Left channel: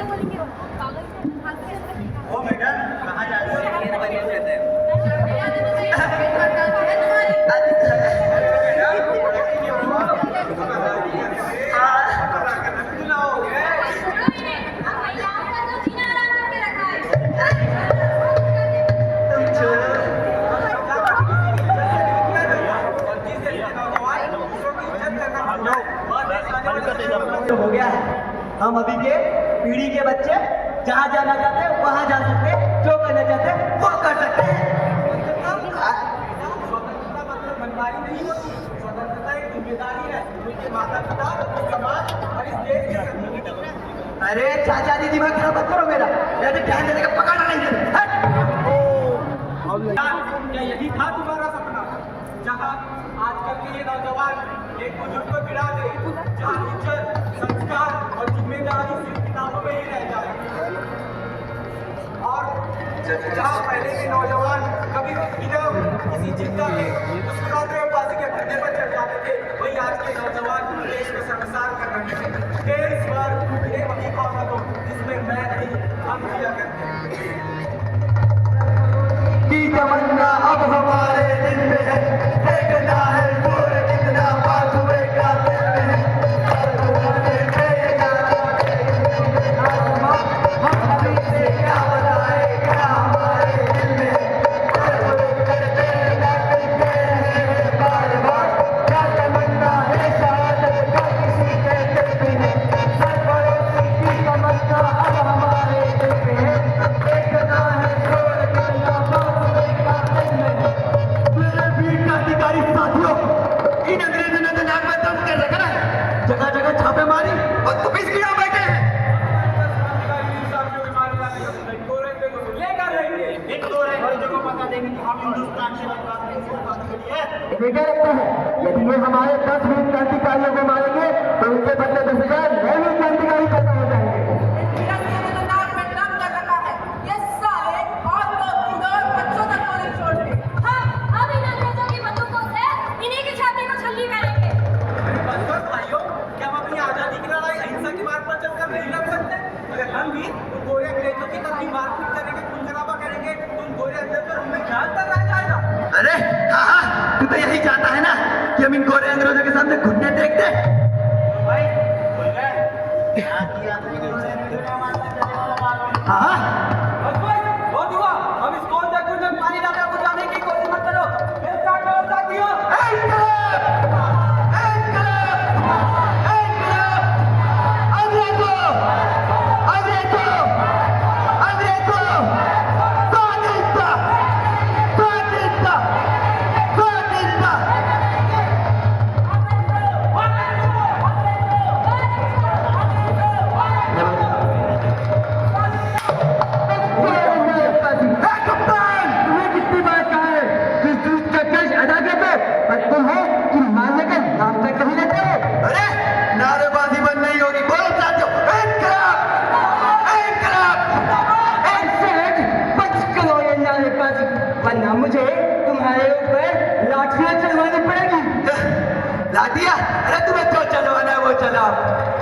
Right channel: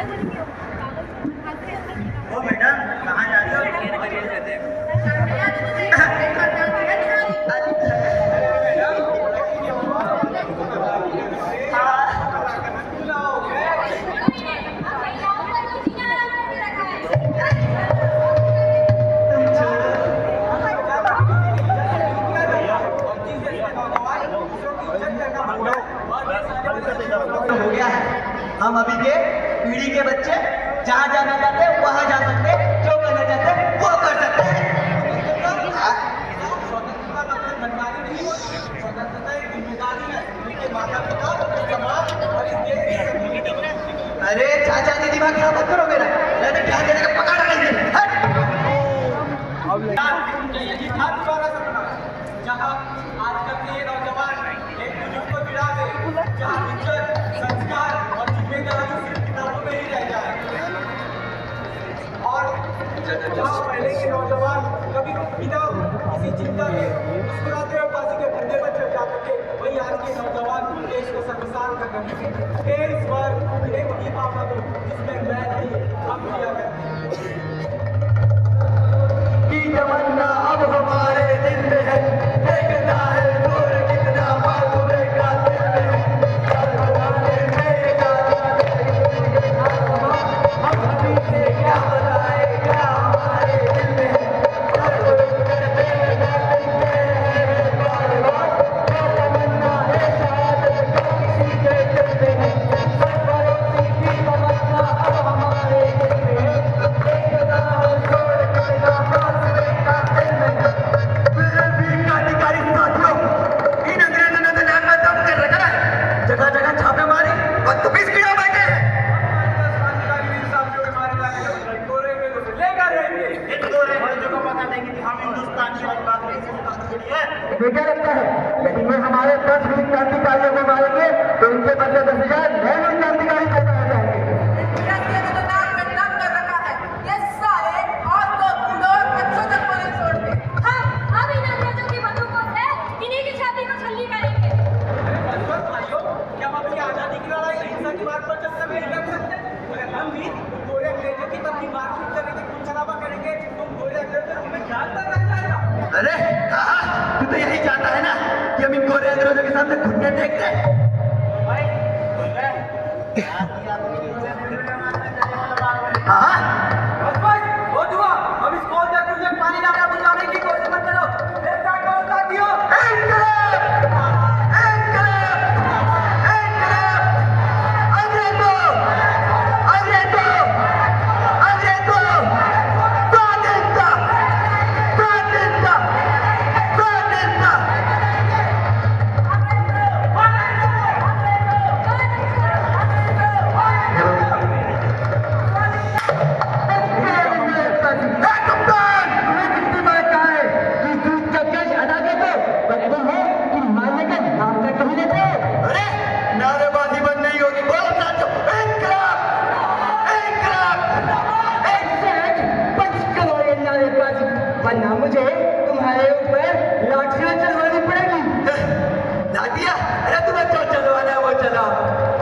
ओ madam कहाँ जा रही हो? हो गया है। हम अभी के पीढ़ी के बच्चे जहाँ जाना चाहते हैं वहाँ जा सकते हैं, जो करना चाहते हैं वो कर सकते हैं। स्वतंत्रता मतलब मनमानी नहीं होती, स्वतंत्रता एक जिम्मेदारी है उनके माता पिता, समाज और इस देश के सभी। अरे चाचा जी दिमाग खराब मत करो मेरा, या तो ध्यान देने का पकड़ नहीं दे। क्या यही था तुम्हारा सपना, जहाँ आजकल के ये नौजवान एक बुजुर्ग को गिरा दे, जहाँ इज्जत, संस्कार और जिम्मेदारी सिर्फ किताबों में ही रह जाए, और जहाँ पहले के नौजवान कभी बिना किसी चिंता के मुस्कुराते हुए फांसी के फंदे पर चढ़ जाते थे, वही आज के नौजवान देश को शर्मसार कर रहे हैं। इस बार ये वही भावना दो जिसमें मैं नहीं हम किया करते की तमन्ना अब हमारे दिल में है, देखना है दूर कितना बात हुए का दिल में है। हम अभी से क्या बताएगा हमारे दिल में है, बार बार क्या तमन्ना है शहादत का किसी के दिल में है, सरपरों की तमन्ना अब हमारे दिल में है, देखना है दूर कितना बात हुए का दिल में है। मेरे वीर क्रांतिकारी साथियों, इन अंग्रेजों ने तो नाम में दम कर रखा है, जगह जगह छापेमारी और तुम इस गिरा बैठे हैं। तुम्हें क्या लगता है यदि ये हमारे 10 वीर क्रांतिकारियों को मारेंगे तो उनके बदले 10,000 नए वीर क्रांतिकारी पैदा हो जाएंगे। हम भी उन गोरे अंग्रेजों की तरफ मारपीट करने की खून खराबा करेंगे, तुम गोरे अंग्रेजों उनमें ख्याल कर रह जाएगा। अरे हाँ, तू तो यही चाहता है ना कि हम इन गोरे अंग्रेजों के सामने घुटने टेकते हैं। भाई भूल गए हाँ बस भाई बहुत हुआ, अब इस कॉल से कुछ पानी डालकर बुझाने की कोशिश मत करो। स्टार्ट करो साथियों।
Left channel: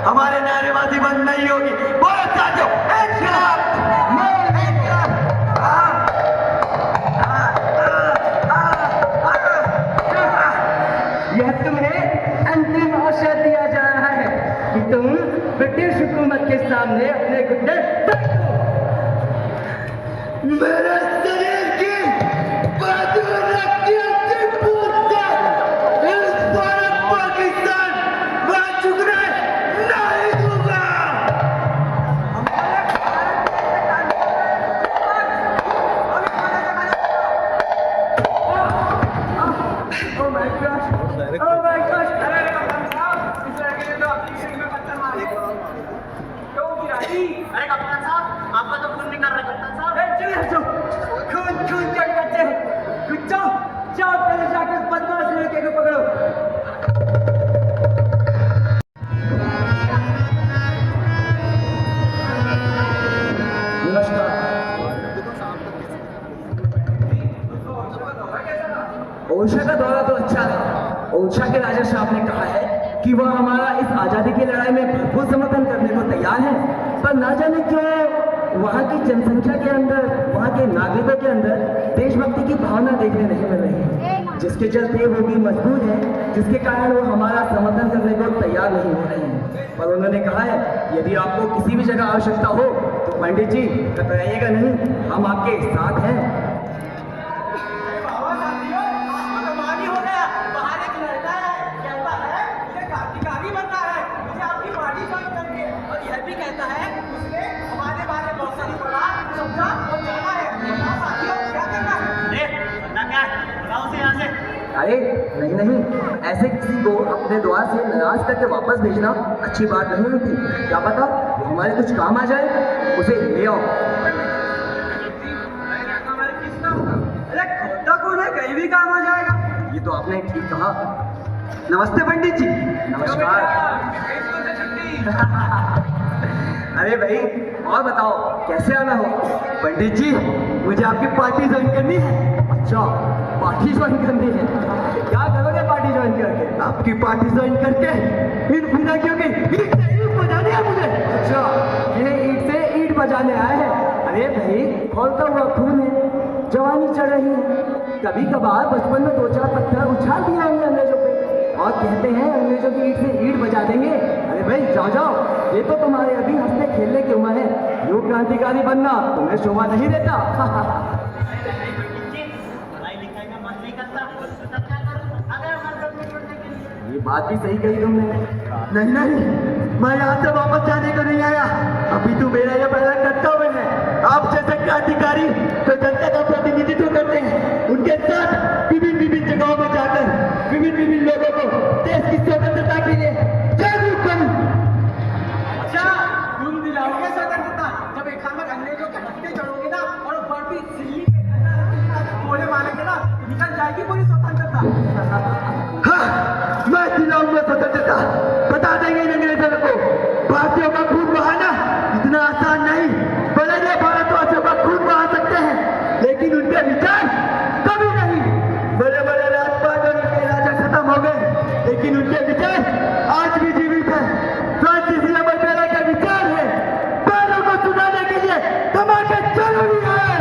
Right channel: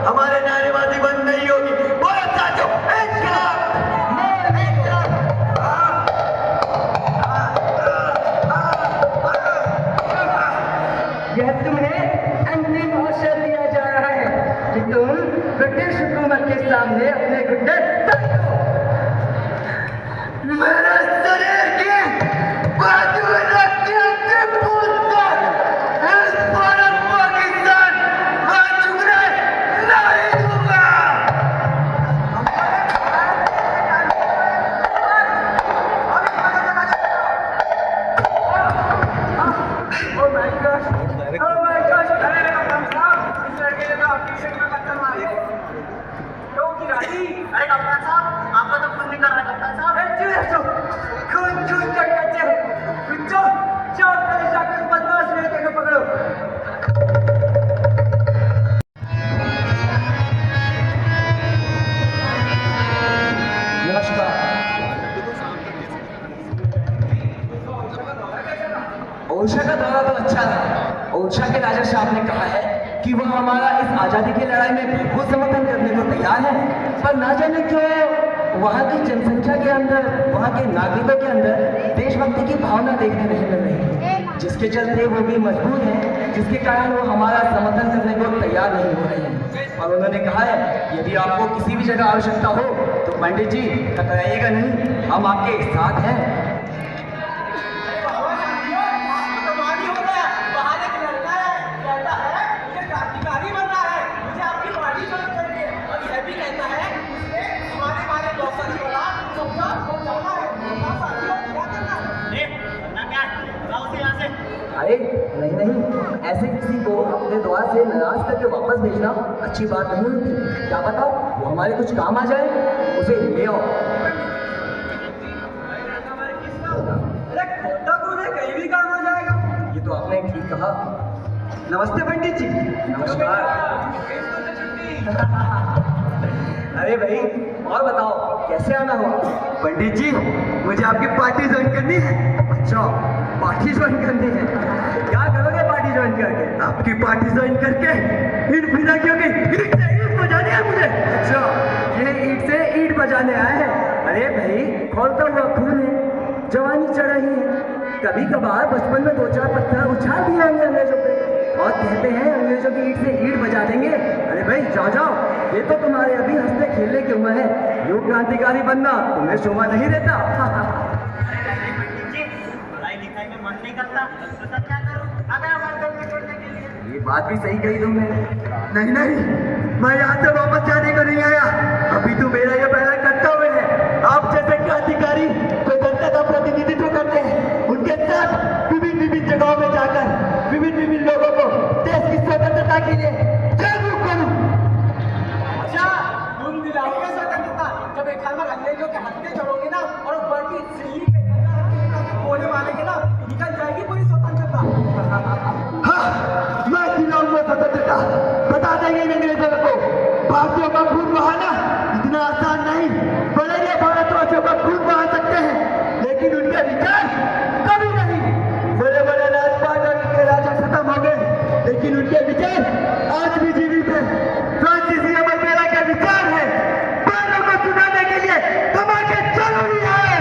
हमारे नारेबाजी बंद नहीं होगी। बोलो साथियों, यह तुम्हें अंतिम अवसर दिया जा रहा है कि तुम ब्रिटिश हुकूमत के सामने अपने गुड्डे मेरे शरीर की बाजू रखते पाकिस्तान चुकने नहीं दूंगा। अरे कप्तान साहब आपका तो खून निकल रहा है कप्तान साहब। खून खून के बच्चे कुछ जाओ पहले जाकर बदमाश लड़के को पकड़ो। ओशा का दौरा तो अच्छा था। ओशा के राजा साहब ने कहा है कि वह हमारा इस आजादी की लड़ाई में भरपूर समर्थन करने को तैयार है। पर ना जाने क्यों वहाँ की जनसंख्या के अंदर, वहाँ के नागरिकों के अंदर देशभक्ति की भावना देखने नहीं मिल रही है, जिसके चलते वो भी मजबूर हैं, जिसके कारण वो हमारा समर्थन करने को तैयार नहीं हो रहे हैं। और उन्होंने कहा है यदि आपको किसी भी जगह आवश्यकता हो तो पंडित जी कतराइएगा नहीं, हम आपके साथ हैं। अरे बाबा साथियों, आपको कमाल ही हो गया। बाहर एक लड़का है, कहता है मुझे क्रांतिकारी बनना है, मुझे आपकी पार्टी ज्वाइन करके, और यह भी कहता है उसने हमारे बारे में बहुत सारी बात समझा और जाना है। बताओ साथियों, क्या करना है? अरे करना क्या है, बताओ उसे यहाँ से। अरे नहीं नहीं, ऐसे किसी को अपने द्वार से निराश करके वापस भेजना अच्छी बात नहीं होती। क्या पता वो हमारे कुछ काम आ जाए, उसे ले आओ। अरे खोटा कौन है, कहीं भी काम आ जाएगा। ये तो आपने ठीक कहा। नमस्ते पंडित जी। नमस्कार। अरे भाई और बताओ कैसे आना हुआ? पंडित जी मुझे आपकी पार्टी ज्वाइन करनी है। अच्छा पार्टी ज्वाइन करनी है, क्या करोगे पार्टी ज्वाइन करके? आपकी पार्टी ज्वाइन करके इन फिरंगियों की ईंट से ईंट बजाने है मुझे। अच्छा ये ईंट से ईंट बजाने आए हैं? अरे भाई खोलता हुआ खून है, जवानी चढ़ रही है, कभी कभार बचपन में 2-4 पत्थर उछाल दिए होंगे अंग्रेजों पे और कहते हैं अंग्रेजों की ईंट से ईंट बजा देंगे। अरे भाई जाओ जाओ, ये तो तुम्हारे अभी हंसने खेलने की उम्र है, यूँ क्रांतिकारी बनना तुम्हें शोभा नहीं देता। अरे पंडित जी, पढ़ाई लिखाई में मन नहीं करता तो तब क्या करूँ? आ गया मर्दों में खेलने के लिए। ये बात भी सही कही तुमने। नहीं नहीं, मैं यहाँ से वापस जाने को नहीं आया, अभी तो मेरा ये पहला कर्तव्य है। आप जैसे क्रांतिकारी जो जनता का प्रतिनिधित्व करते हैं, उनके साथ विभिन्न विभिन्न जगहों में जाकर विभिन्न विभिन्न लोगों को देश की स्वतंत्रता के लिए जागरूक करूँ। अच्छा, तुम दिलाओगे स्वतंत्रता जब एक खामर अंग्रेजों के हत्थे चढ़ोगे ना और बल्कि दिल्ली पे गद्दा रख गोले मारेंगे ना, निकल जाएगी पूरी स्वतंत्रता। मैं दिलाऊंगा स्वतंत्रता, बता देंगे अंग्रेजों को भारतीयों का खून बहाना इतना आसान नहीं। बड़े भारतवासियों का खून बहा सकते हैं लेकिन उनके विचार कभी नहीं। बड़े बड़े राजपाल और उनके राजा खत्म हो गए लेकिन उनके विचार आज भी जीवित है। फ्रांसीसी वगैरह के विचार है, पैरों को सुनाने के लिए तुम्हारे जरूरी है।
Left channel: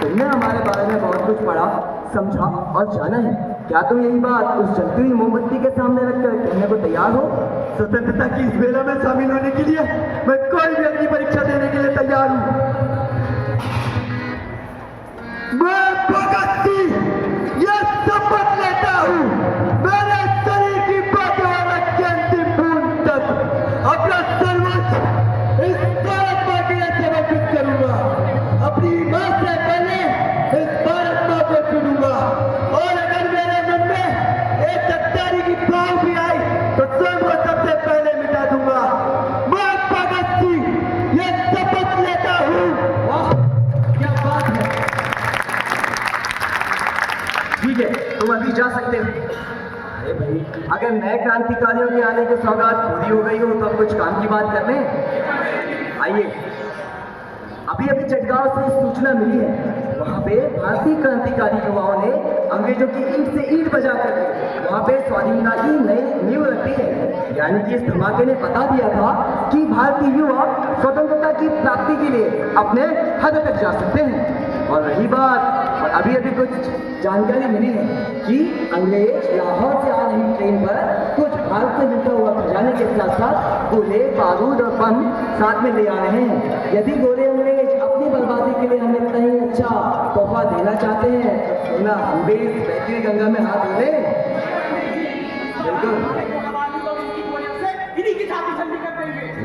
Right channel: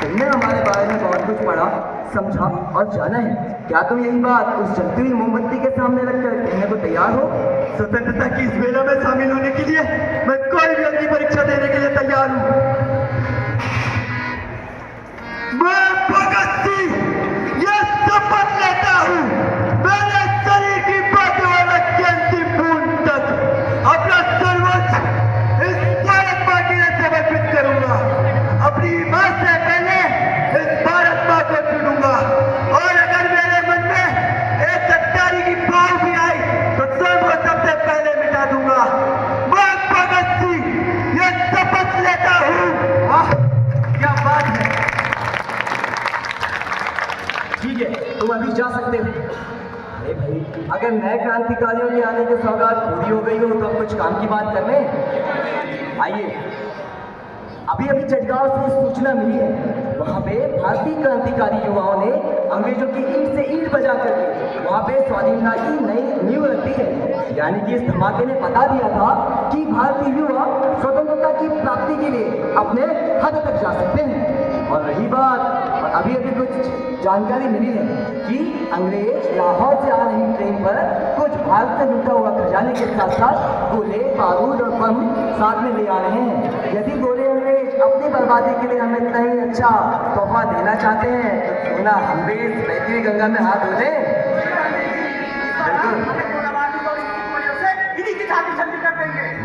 तुमने हमारे बारे में बहुत कुछ पढ़ा, समझा और जाना है। क्या तुम यही बात उस जलती हुई मोमबत्ती के सामने रखकर कहने को तैयार हो? स्वतंत्रता की इस मेले में शामिल होने के लिए मैं कोई भी अग्नि परीक्षा देने के लिए तैयार हूँ। मैं भगत सिंह ये शपथ लेता हूँ, मेरे शरीर की बातों के अंतिम बूंद तक अपना सर्वोच्च इस भारत माँ के लिए समर्पित करूंगा। अपनी माँ से पहले इस भारत माँ को चुनूंगा और अगर मेरे मन में एक गद्दारी की भाव भी आई तो स्वयं को सबसे पहले मिटा दूंगा। मैं भगत सिंह ये शपथ लेता हूँ। वाह क्या बात है। ठीक है तुम अभी जा सकते हो। अरे भाई अगर नए क्रांतिकारियों के आने की सौगात पूरी हो गई हो तो अब कुछ काम की बात कर लें। आइए, अभी अभी चटगांव से सूचना मिली है, वहाँ पे भारतीय क्रांतिकारी युवाओं ने अंग्रेजों की ईंट से ईंट बजा करके वहाँ पे स्वाधीनता की नई नींव रखी है। यानी कि इस धमाके ने बता दिया था कि भारतीय युवा स्वतंत्रता की प्राप्ति के लिए अपने हद तक जा सकते हैं। और रही बात, अभी अभी कुछ जानकारी मिली है कि अंग्रेज लाहौर से आ रही ट्रेन पर कुछ भारत से मिलता हुआ खजाने के साथ साथ गोले, बारूद और बम साथ में ले आ रहे हैं। यदि गोले अंग्रेज अपनी बर्बादी के लिए हमें इतना ही अच्छा तोहफा देना चाहते हैं तो ना हम भी इस बहती गंगा में हाथ धो लें।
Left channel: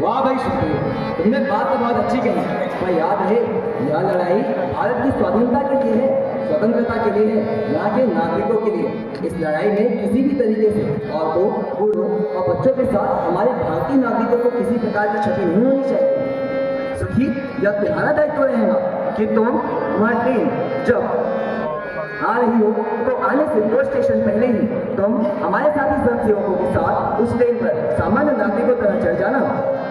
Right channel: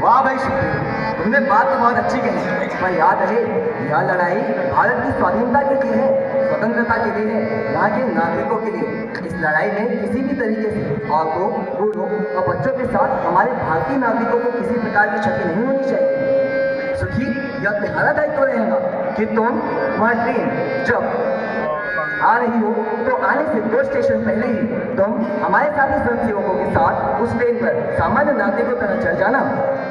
वाह भाई शुक्रिया, तुमने बात तो बहुत अच्छी कही। पर याद रहे यह लड़ाई भारत की स्वाधीनता के लिए है, स्वतंत्रता के लिए है, यहाँ के नागरिकों के लिए। इस लड़ाई में किसी भी तरीके से औरतों, बूढ़ों और बच्चों के साथ हमारे भारतीय नागरिकों को किसी प्रकार की क्षति नहीं होनी चाहिए। सुखी यह तुम्हारा दायित्व रहेगा कि तुम वह ट्रेन जब आ रही हो तो आने से 2 स्टेशन पहले ही तुम हमारे साथी स्वयंसेवकों के साथ उस ट्रेन पर सामान्य नागरिकों तरह चढ़ जाना।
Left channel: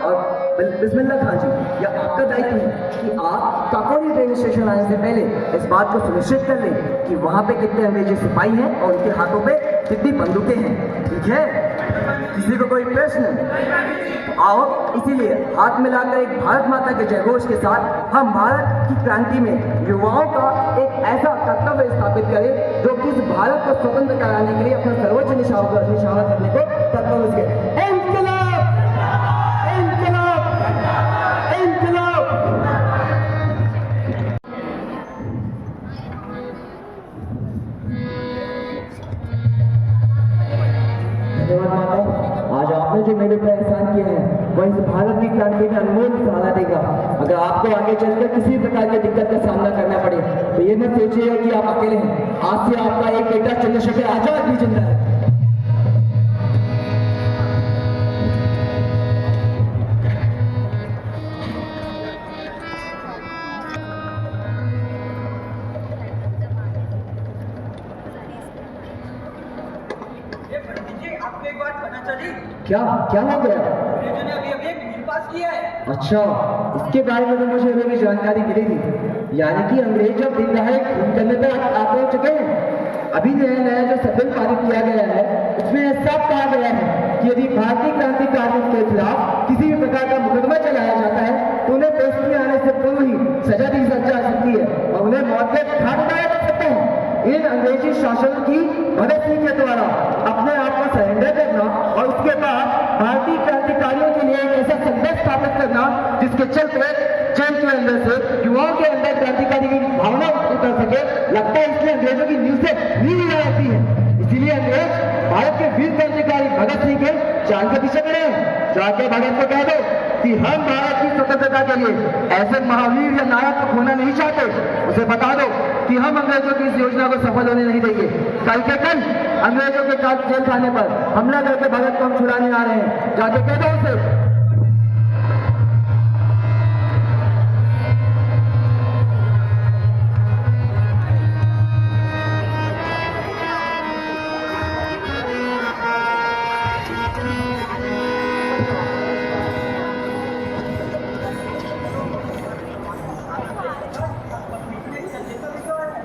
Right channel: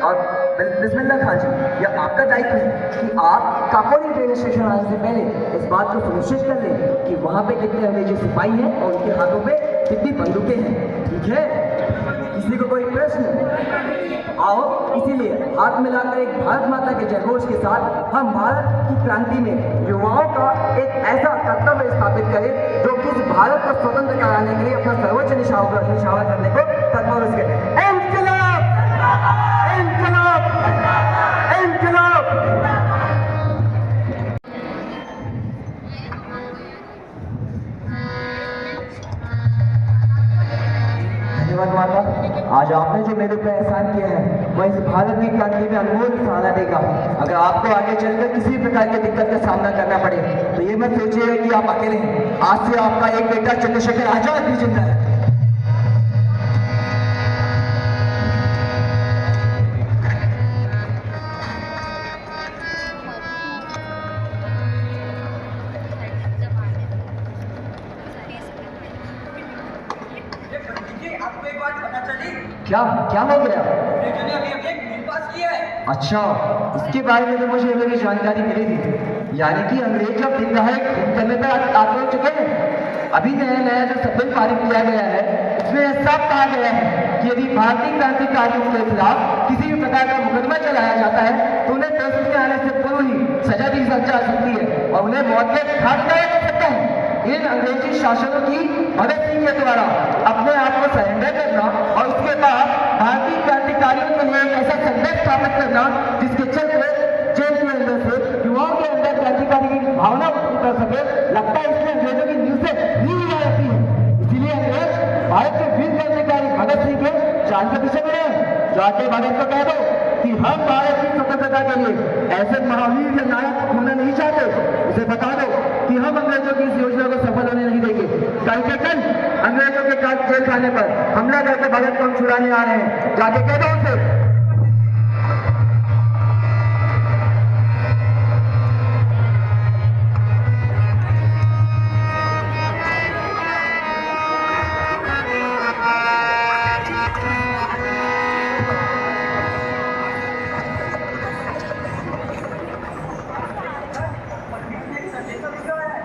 और बिस्मिल्लाह खान जी, यह आपका दायित्व है कि आप काकोरी ट्रेन स्टेशन आने से पहले इस बात को सुनिश्चित कर लें कि वहाँ पे कितने अंग्रेजी सिपाही हैं और उनके हाथों पे कितनी बंदूकें हैं। ठीक है? किसी को कोई प्रश्न? आओ, इसीलिए हाथ मिलाकर एक भारत माता के जयघोष के साथ हम भारत की क्रांति में युवाओं का एक ऐसा कर्तव्य स्थापित करें जो कि इस भारत को स्वतंत्र कराने के लिए अपना सर्वोच्च निशाना करने को तत्पर हो सके। इनकलाब! इनकलाब! इनकलाब! धन्यवाद माता, आज आपने जो मेरे ऊपर एहसान किया है वह इस भारत की क्रांति में अनमोल सहारा देगा। अगर आपको आगे चलकर किसी प्रकार की दिक्कत का सामना करना पड़े तो ये मत सोचिएगा कि आप अकेले हैं। आज से आपका एक बेटा चंद्रशेखर आजाद भी जिंदा है। आपको एक बात पता चली? क्या क्या हो गया? अंग्रेजों ने अभी एक बिल पास किया है। अच्छा, इसके बारे में तो मुझे मेरी जानकारी मिली थी। यानी कि अंग्रेज अब दिन दहाड़े खून करने पर आते हो चुके हैं। अभी नया नया जो सब बिल पारित किया गया है उसमें यह सब कहा गया है कि यदि भारतीय क्रांतिकारियों के खिलाफ किसी भी प्रकार का मुकदमा चलाया जाता है तो उन्हें देश में आने से पूर्व ही सजा दी जा सकती है और उन्हें मौत के घाट उतारा जा सकता है। इन अंग्रेजी शासकों की भगत सिंह के द्वारा अपने आप को सरेंडर करना और उसके बाद भारतीय क्रांतिकारियों के लिए एक ऐसा संदेश स्थापित करना जिसके चलते जेल के अंदर से युवाओं के अंदर क्रांतिकारी की भावना उतर सके, लगता है इसलिए अंग्रेजों की न्यूज से नींद आ जाती है। इसीलिए अंग्रेज भारत के वीर क्रांतिकारी भगत सिंह के जान के पीछे पड़े हैं। जाके भगत को कह दो कि हम भारत की स्वतंत्रता के लिए ऐसे महावीर या नायक को खोना नहीं चाहते। उसे बता दो कि हम अंग्रेजों की इस योजना को सफल होने नहीं देंगे। कल के कल अंग्रेजों के जेल खाने पर हमला करके भगत को हम छुड़ाने आ रहे हैं। जाके कह दो उसे।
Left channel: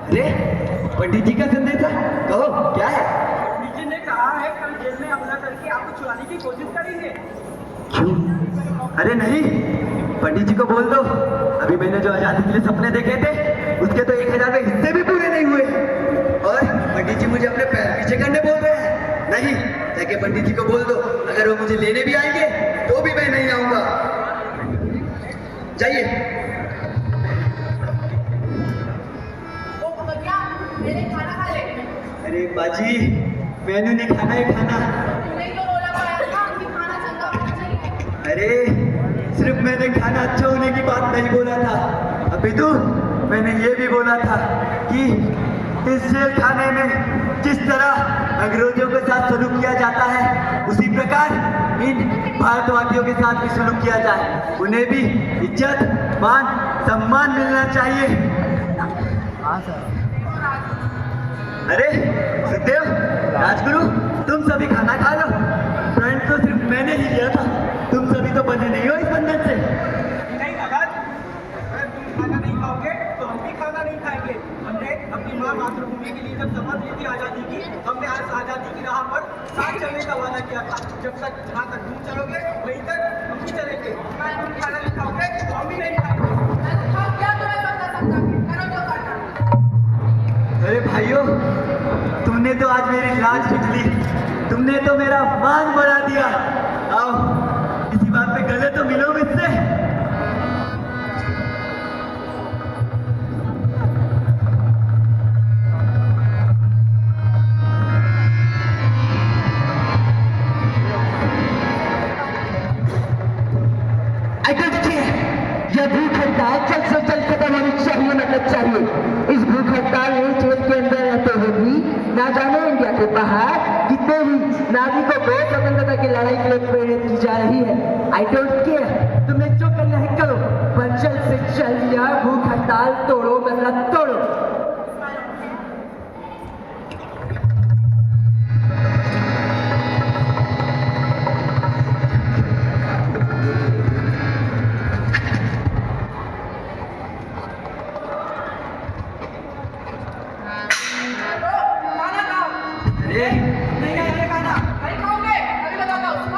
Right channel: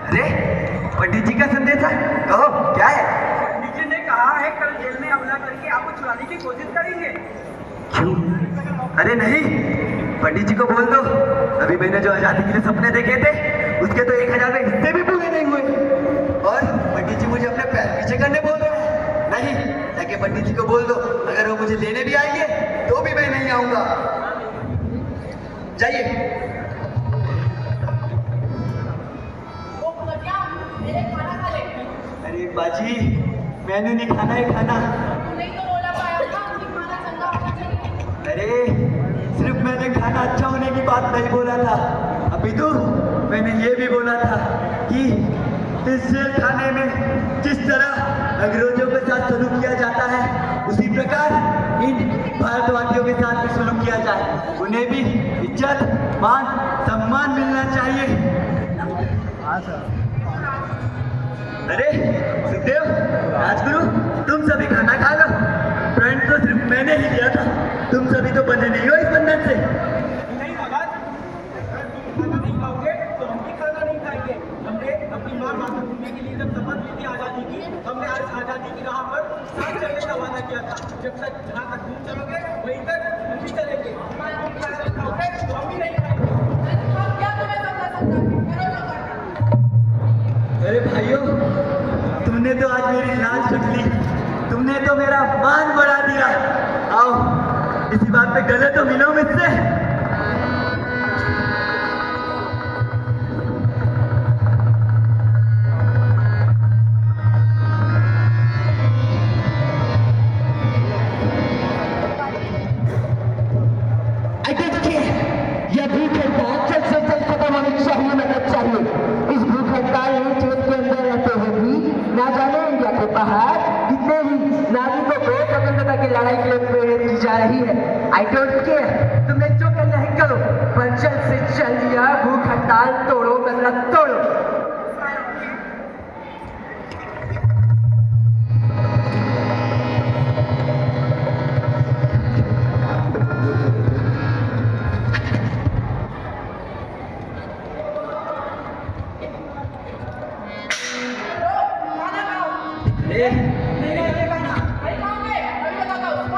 अरे पंडित जी का संदेश है, कहो क्या है? पंडित जी ने कहा है कल जेल में हमला करके आपको छुड़ाने की कोशिश करेंगे। क्यों? अरे नहीं, पंडित जी को बोल दो अभी मैंने जो आजादी के लिए सपने देखे थे उसके तो 1000 हिस्से भी पूरे नहीं हुए और पंडित जी मुझे अपने पैर पीछे करने बोल रहे हैं। नहीं, जाके पंडित जी को बोल दो अगर वो मुझे लेने भी आएंगे तो भी मैं नहीं आऊंगा। जाइए। खाना खा ले। अरे बाजी, मैंने नहीं खाना ही खाना। नहीं तो रोला पाया था कि खाना चंगा होना चाहिए। अरे सिर्फ मैंने खाना अच्छा होने की बात नहीं बोला था अभी तो मैंने ये भी बोला था कि इस जेल खाने में जिस तरह अंग्रेजों के साथ सलूक किया जाता है उसी प्रकार इन भारतवासियों के साथ भी सलूक किया जाए। उन्हें भी इज्जत, मान, सम्मान मिलना चाहिए। अरे सुखदेव, राजगुरु, तुम सभी खाना खा लो। फ्रेंड तो सिर्फ मैंने ही लिया था, तुम सभी तो बंधे नहीं हो इस बंधन से। नहीं भगत, अगर तुम खाना नहीं खाओगे तो हम भी खाना नहीं खाएंगे। हमने अपनी माँ मातृभूमि के लिए जब शपथ ली थी आजादी की, हमने आज आजादी की राह पर साथ चलने का वादा किया था। जब तक जहाँ तक तुम चलोगे वहीं तक हम भी चलेंगे। अगर तुम खाना नहीं खाओगे तो हम भी नहीं खाएंगे। क्या तुम्हें पता समझा के करो जो करना। अरे भाइयों, तुमने तो आज मेरी लाज रख ली, तुमने तो मेरा मान बढ़ा दिया। आओ इसी बात पे गले तो मिलो मुझसे। यह भूख हड़ताल जल्द से जल्द खत्म होनी चाहिए, मतलब चाहिए। इस भूख हड़ताल में जेल के अंदर रहते हुए भी ना जाने इंडिया के बाहर कितने ही नागरिकों को स्वतंत्रता की लड़ाई के लिए प्रेरित की जा रही है। आई डोंट केयर, तुम्हें जो करना है करो, पर जल्द से जल्द यह भूख हड़ताल तोड़ो, मतलब तोड़ो। खाना खाओ। अरे नहीं खाना। नहीं खाओगे? अभी बताता हूँ।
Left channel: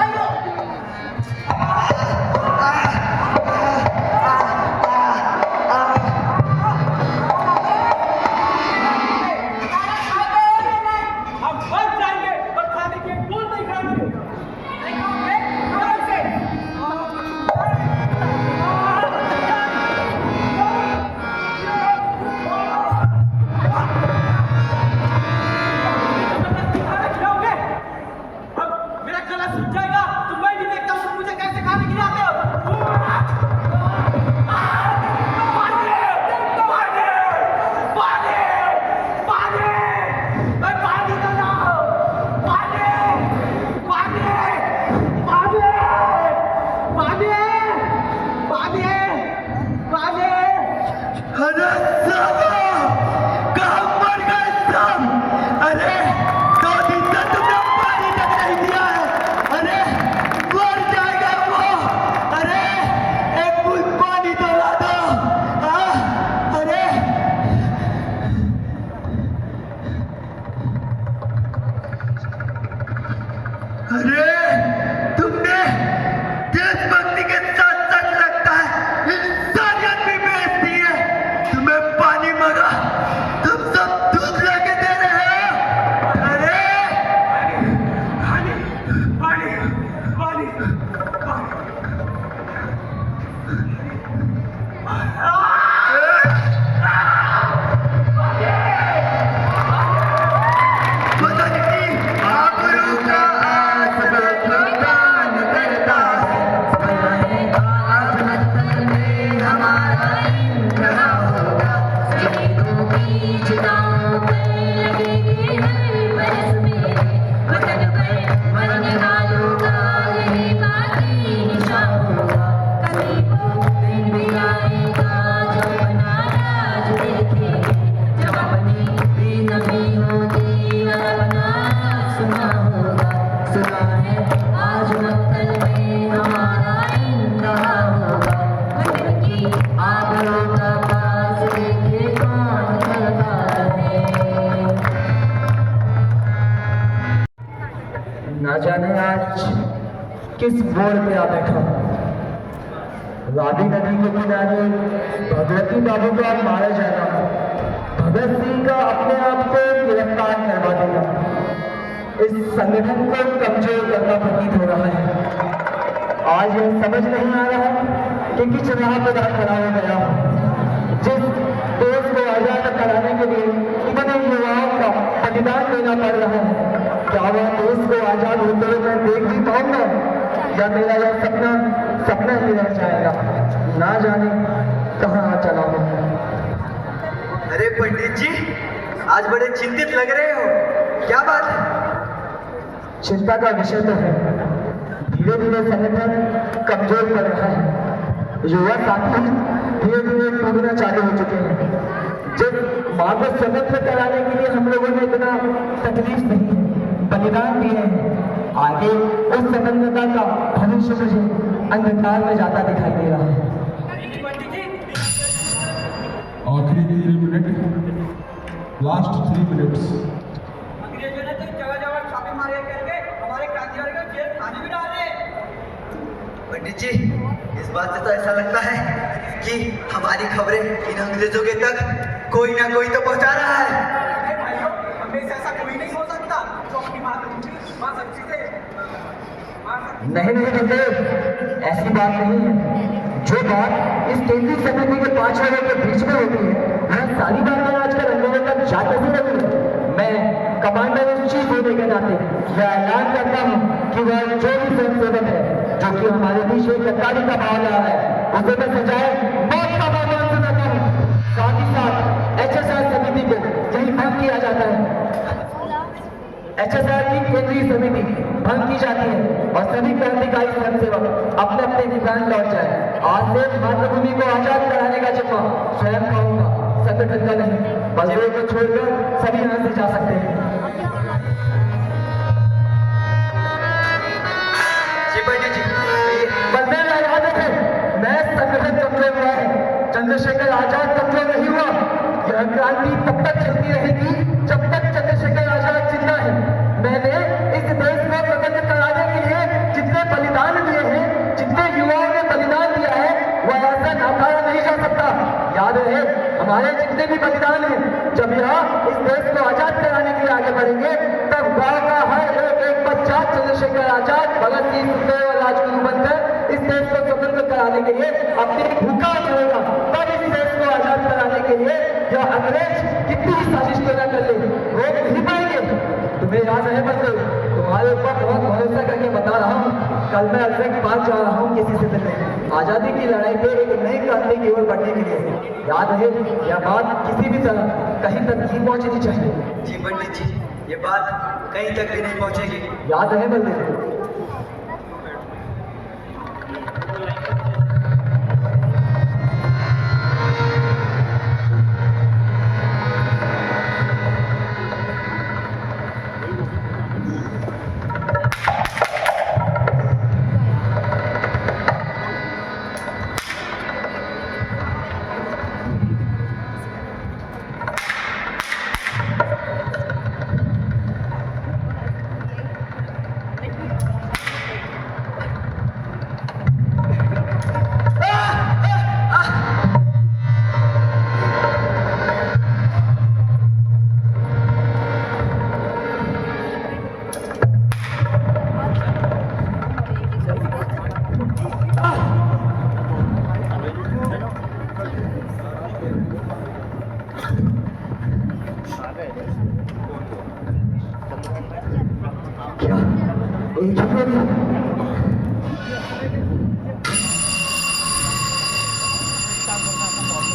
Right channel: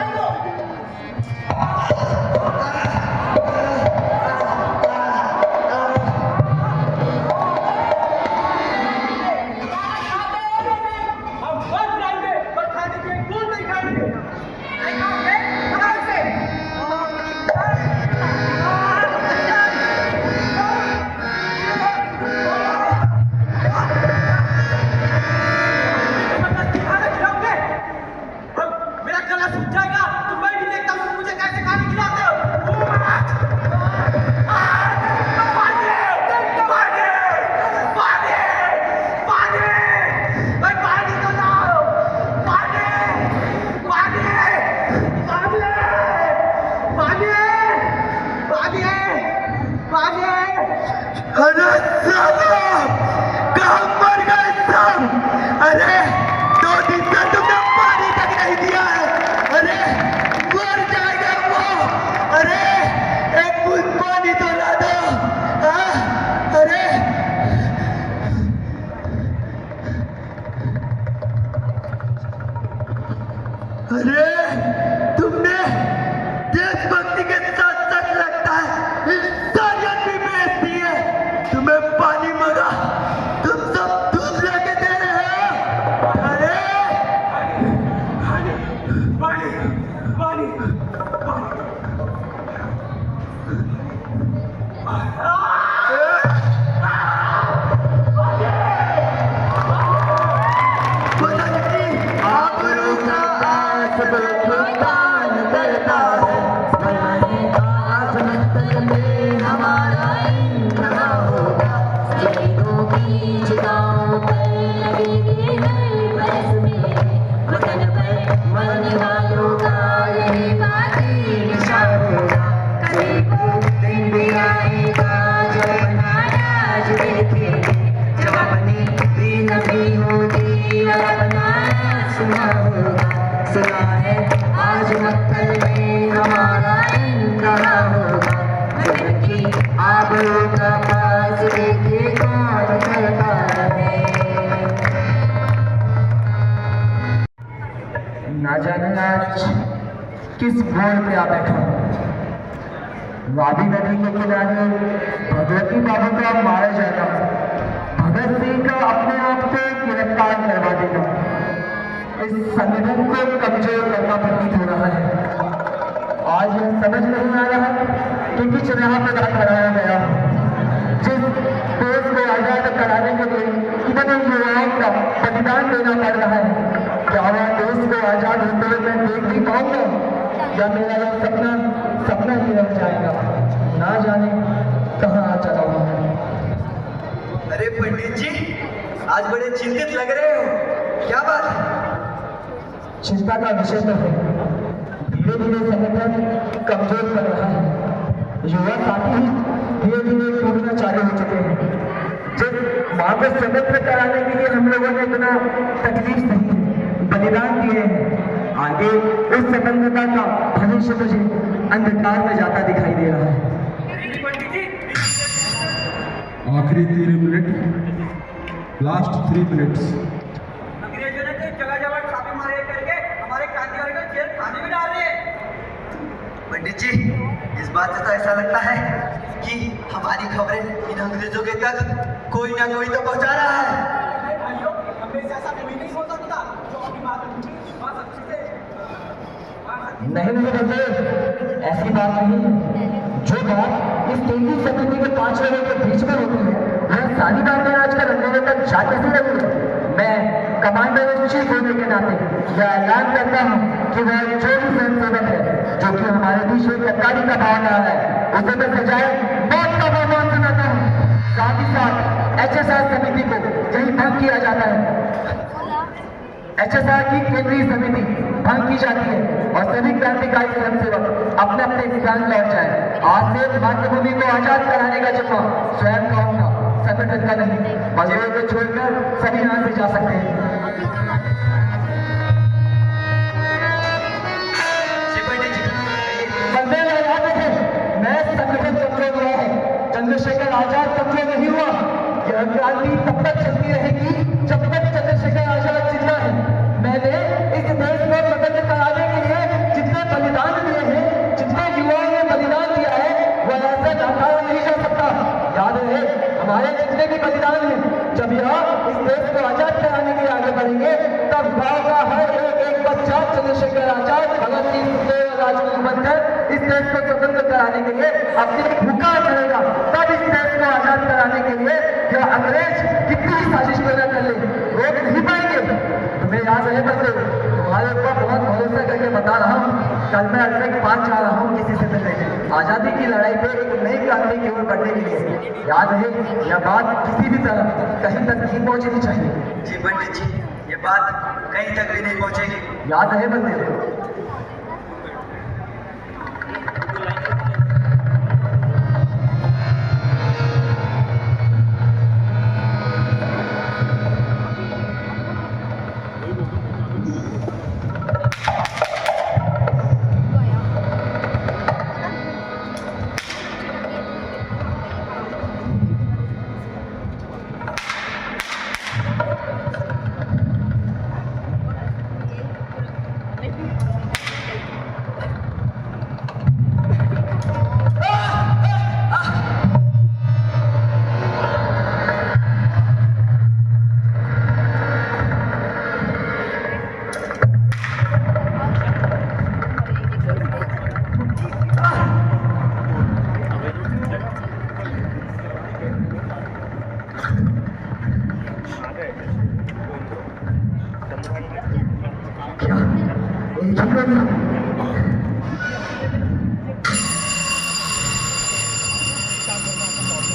किस मोड़ पे आ बैठा। रावी नदी के किनारे भगवती बाबू का मारा जाना भगत सिंह का अपने आप को गिरफ्तार करवा देगा। इस संगठन को कमजोर करना प्रतीत हो रहा है। आज यह समझ नहीं आ रहा कि किस राह पर कराया गया। जिस देश को आजाद कराने के लिए इतने युवाओं का बलिदान देना पड़ रहा है, क्या वह देश को आजाद होते हुए मैं देख भी पाऊंगा या मेरा यह सपना ही रह जाएगा। ना जाने कहाँ चला मैं। अरे पंडित जी, आज बड़े चिंतित लग रहे हो, क्या बात है? चिंता का विषय तो है, धीरे धीरे संगठन कमजोर पड़ रहा है। युवा साथी धीरे धीरे टूटना चालू हो चुके हैं। जब माँ को स्वतंत्र कराने के लिए हम लोगों ने इतना तकलीफ नहीं है, बलिदान दिए हैं, आगे उस स्वतंत्रता का भविष्य मुझे अंधकार में जाता दिखाई दे रहा है। आखिरी 3 मिनट, लास्ट 3 मिनट्स। अंग्रेजों ने तो जगह जगह छापे मारे करके हमारे क्रांतिकारी को जेल खाने में डाल दिए। पंडित जी, इस बात से तो ऐसा लगता है कि हमारी खबरें इन अंग्रेजों के तक कोई ना कोई तो पहुंचा रहा है। भाइयों, हमें ऐसा कोई नहीं हो सकता जो अपनी मातृभूमि बस अच्छी से नहीं बलदेव, ऐसी बात नहीं है। जो बात इस केंद्रीय समिति के 5 लोगों के बीच में होती है, वह सारी बातें आजकल अंदर तक जा कैसे लगी है। मैं कमांडर इन चीफ होने के नाते यह ऐलान करता हूँ कि वह जो भी स्वयंसेवक है जो कि हमारे बीच में गद्दारी का भाव रहा है, उसे मैं सजाए मौत का भगवान सुनाता हूँ। साथ ही साथ HSR समिति को यही भंग किया जाता है। HSR की केंद्रीय समिति भंग की जाती है और सभी क्रांतिकारी स्वयंसेवक अपने अपने स्थान लौट जाए। आज से मातृभूमि को आजाद कराने का जिम्मा स्वयं का होगा, संगठन का नहीं। बलदेव को छोड़कर सभी यहाँ से जा सकते हैं। बलदेव आजाद थे, मैं संगठन कमजोर हुआ है, चंद्रशेखर आजाद कमजोर नहीं हुआ। यह क्रांति तब तक चलती रहेगी जब तक चंद्रशेखर आजाद जिंदा है। मैंने इस देश को स्वतंत्र कराने के लिए जितने बलिदान दिए हैं, जितने युवाओं ने बलिदान दिया है, वह ऐसा नकारा नहीं जा सकता। याद रहे, हमारे जितने भी बलिदान हैं, जब यह इस देश को आजाद कराने के लिए आगे बढ़ेंगे, तब गाँव का हर एक बच्चा चंद्रशेखर आजाद, भगत सिंह, सुखदेव और राजगुरु बनकर इस देश को स्वतंत्र कराने के लिए अपनी भूखा करेगा। तब इस देश को आजाद कराने के लिए यह अंग्रेज कितनी भी साजिश पैदा कर ले, वो नहीं पाएंगे। तुम्हें याद रहे बच्चे, तुम्हारे ऊपर बहुत भरोसा करके बता रहा हूँ, कल मैं अगले के पास जा रहा हूँ किसी से मिलने, आजादी की लड़ाई पे एक नई क्रांति की ओर बढ़ने के लिए। याद रहे, यह बात किसी भी तरह कहीं तक नहीं पहुंचनी चाहिए। जी पंडित जी, ये बात कहीं तक भी नहीं पहुंचेगी। याद रहे बलदेव।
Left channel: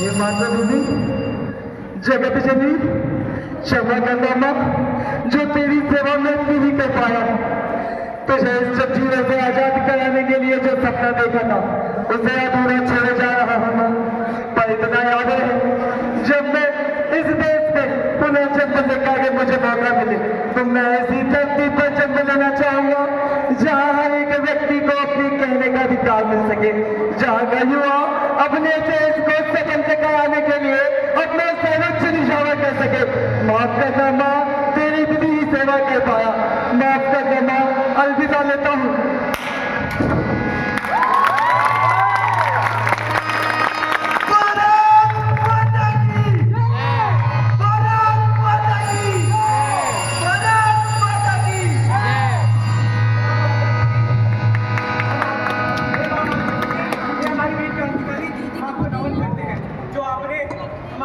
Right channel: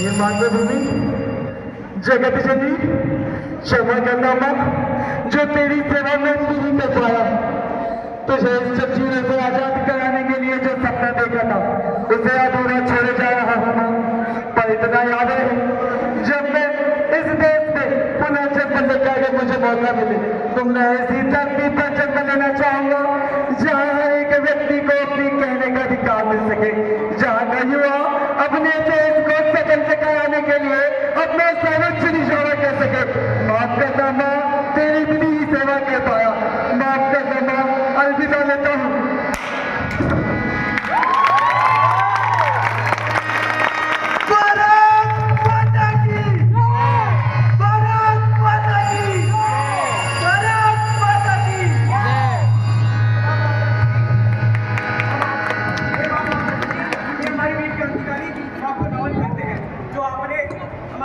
ये मातृभूमि जगत जननी क्षमा करना मत, जो तेरी सेवा में नहीं कर पाया। तुझे इस जंजीरों से आजाद कराने के लिए जो सपना देखा था, उसे अधूरा छोड़े जा रहा हूँ। पर इतना याद है, जब मैं इस देश में पुनः जन्म लेकर के मुझे मौका मिले, तो मैं ऐसी धरती पर जन्म लेना चाहूंगा जहाँ हर एक व्यक्ति को अपनी कहने का अधिकार मिल सके, जहाँ का युवा अपने देश को स्वतंत्र कराने के लिए अपने सर्वोच्च निशाना कर सके। माफ करना माँ, तेरी भी सेवा कर पाया, माफ करना माँ, अलविदा लेता हूँ।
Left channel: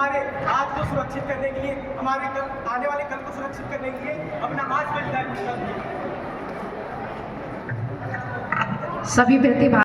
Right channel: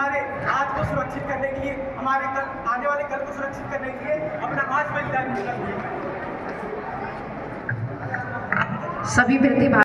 हमारे आज को सुरक्षित करने के लिए, हमारे आने वाले कल को सुरक्षित करने के लिए अपना आज बलिदान दिया। सभी प्रतिभा